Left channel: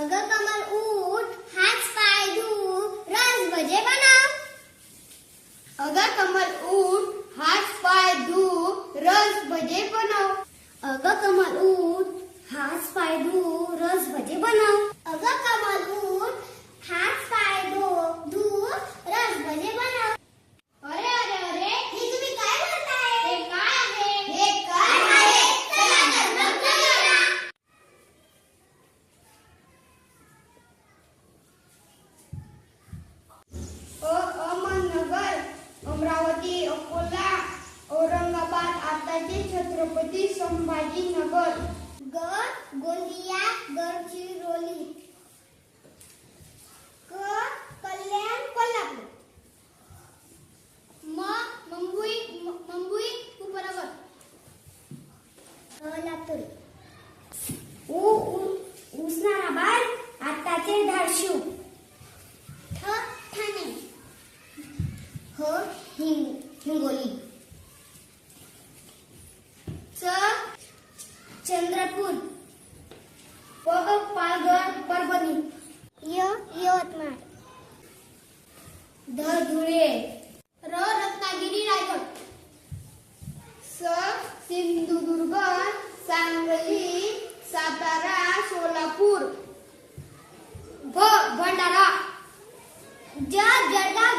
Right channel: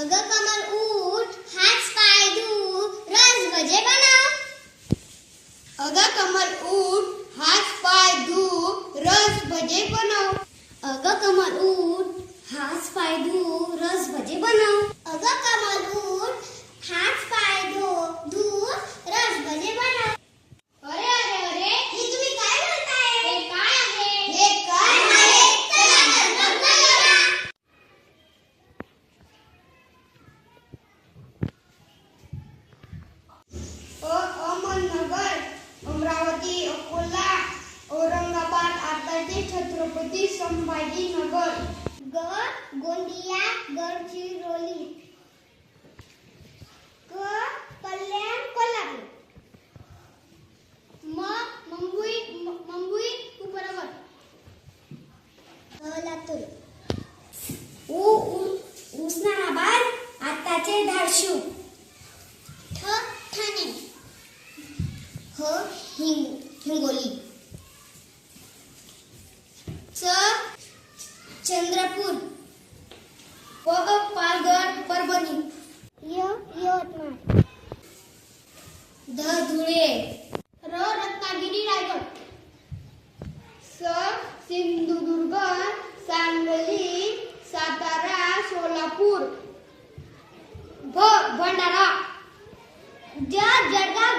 अगं कमल उठ, हात पाय धु, रस भजे बनव. अगं कमल उठ, हात पाय धु, रस भजे बनव. अगं कमल उठ, हात पाय धु, रस भजे बनव. अगं कमल उठ, हात पाय धु, रस भजे बनव. अरे अरे अरे, हे तुम्ही काय म्हणताय? हे काय आहे? हे काय आहे? चला तर बघूया. अहमदनगर, अमरावती, अकोला, औरंगाबाद, आताचे छत्रपती संभाजीनगर. ग गोंदिया, गडचिरोली. क कल्याण, कोल्हापूर. मुंबई उपनगर. लातूर. उस्मानाबाद, आताचे धाराशिव. ठाणे. हिंगोली. चंद्रपूर. पालघर, परभणी. यवतमाळ. धुळे. रत्नागिरी, रायगड. सिंधुदुर्ग, सांगली, सातारा, सोलापूर. भंडारा. जळगाव,